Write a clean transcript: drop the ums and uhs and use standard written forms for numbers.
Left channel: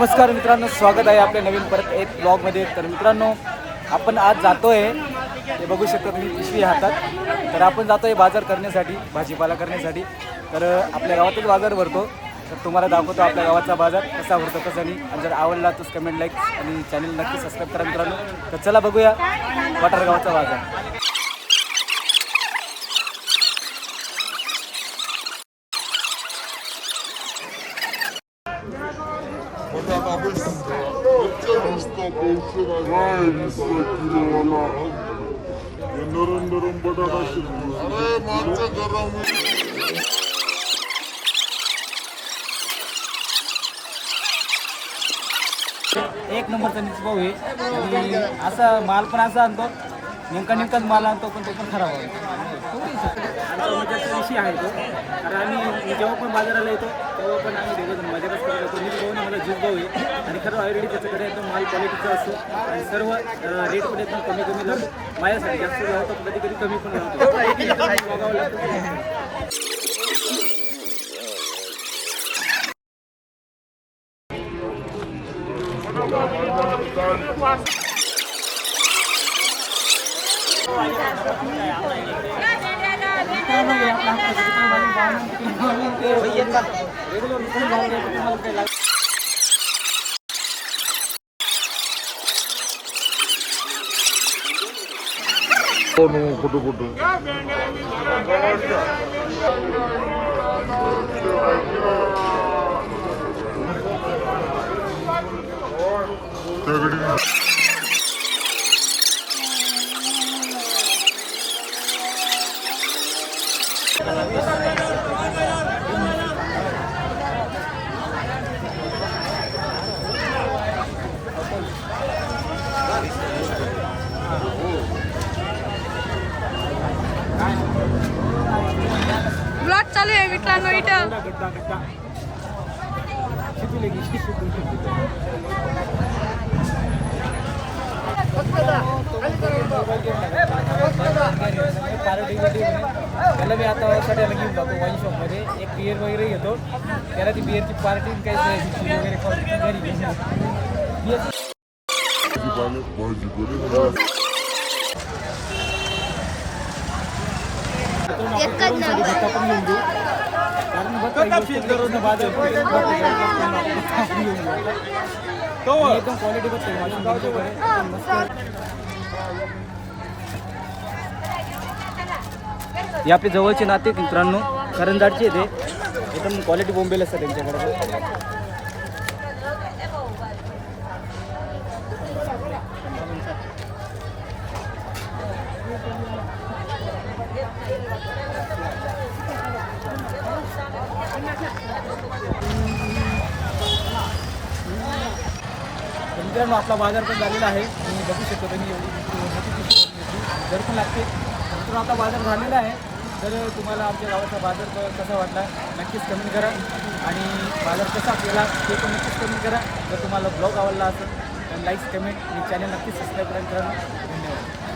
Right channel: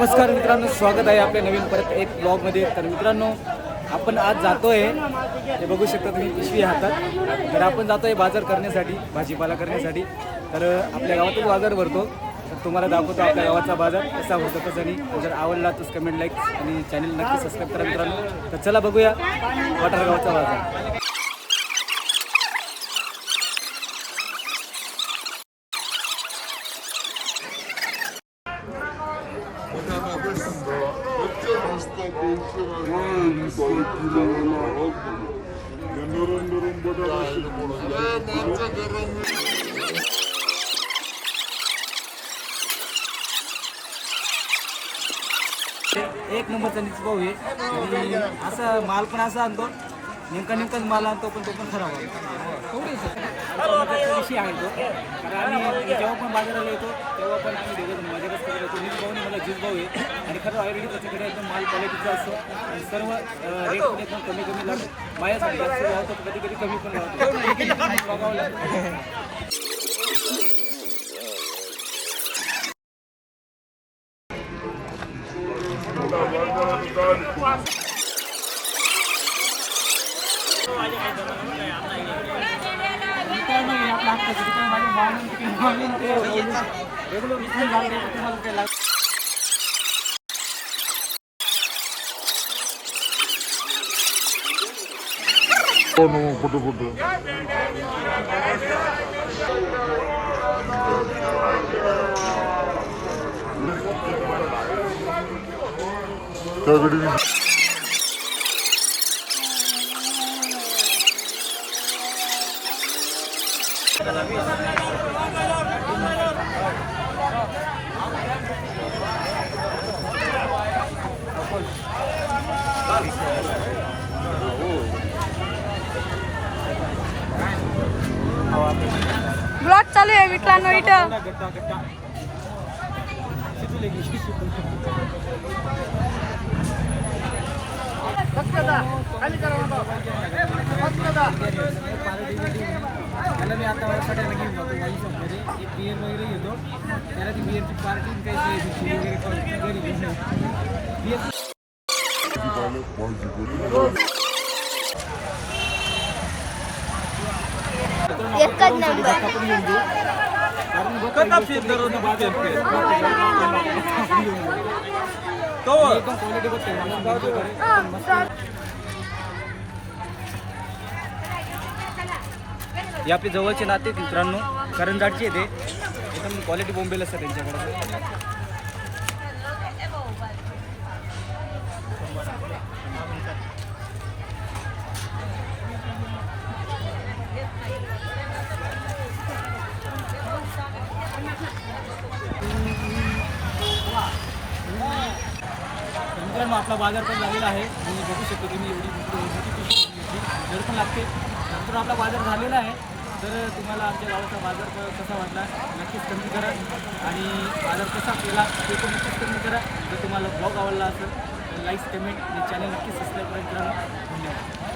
नमस्कार मित्रांनो, स्वागत आहे आपल्या नवीन परत एक ब्लॉगमध्ये. तर मित्रांनो, आपण आज जातोय, हे बघू शकता तुम्ही पिशवी हातात. तर आपण जातोय बाजार करण्यासाठी, भाजीपाला करण्यासाठी. तर आपल्या गावातच बाजार भरतो. तर तुम्हाला दाखवतो आपल्या गावाचा बाजार कसा भरतो कसं नाही. आणि जर आवडला तर कमेंट, लाईक आणि चॅनल नक्की सबस्क्राईब करा मित्रांनो. तर चला बघूया वाटार गावाचा बाजार. एक नंबरचा निचभाऊ आहे आणि असा माल पण असा आणतो, नेमकाच माल आणतो, पण तो पण खराब आहे. आमचा मजाचा विषय आहे तो. कारण मी जेव्हा पण बाजाराला येतो तेव्हा पण आम्ही दोघंजण मजाच करत होतो. निचभाऊने मला भाऊ आहे आणि खरं ऑलरेडी त्याच्याकडे एकदम माल क्वालिटीचा असतो आणि सर्व रेट पण एकदम कमी लागतो. माझ्यासाठी जास्त लावतो, कधी कधी कमी पण लावतो. बघावं लागतं. आपला ब्लॉग चालू आहे मित्रांनो. त्याला मी आता सगळ्याला घेऊन जातो वाईन शॉपमध्ये. एक बिअर वगैरे घेतो, त्याला ती बिअरची पार्टी काही वगैरे घरी बिअर साठी भत्ता पण घेऊन घेऊ. कारण बाजार एकदम क्वालिटी बघते एकदम मस्त. हे आपले जवळचे नाते मित्रांनो, करंजाडचे ते एकदम क्वालिटी बोंबेल असतात त्यांच्याकडे. मित्रांनो, आपला बाजार पण झालेला आहे. तुम्ही बघू शकता, तुम्ही एवढी मोठी पिशवी घेतली, जड पण लागते. मित्रांनो, आपला बाजार झालेला आहे. तर तुम्हाला आमच्या गावाचा बाजार कसा वाटला नक्कीच कमेंट करा आणि बाजार कसा केला ते पण नक्कीच कमेंट करा. जर तुम्हाला ब्लॉग आवडला असेल तर लाईक, कमेंट आणि चॅनल नक्कीच सबस्क्राईब करा मित्रांनो. धन्यवाद.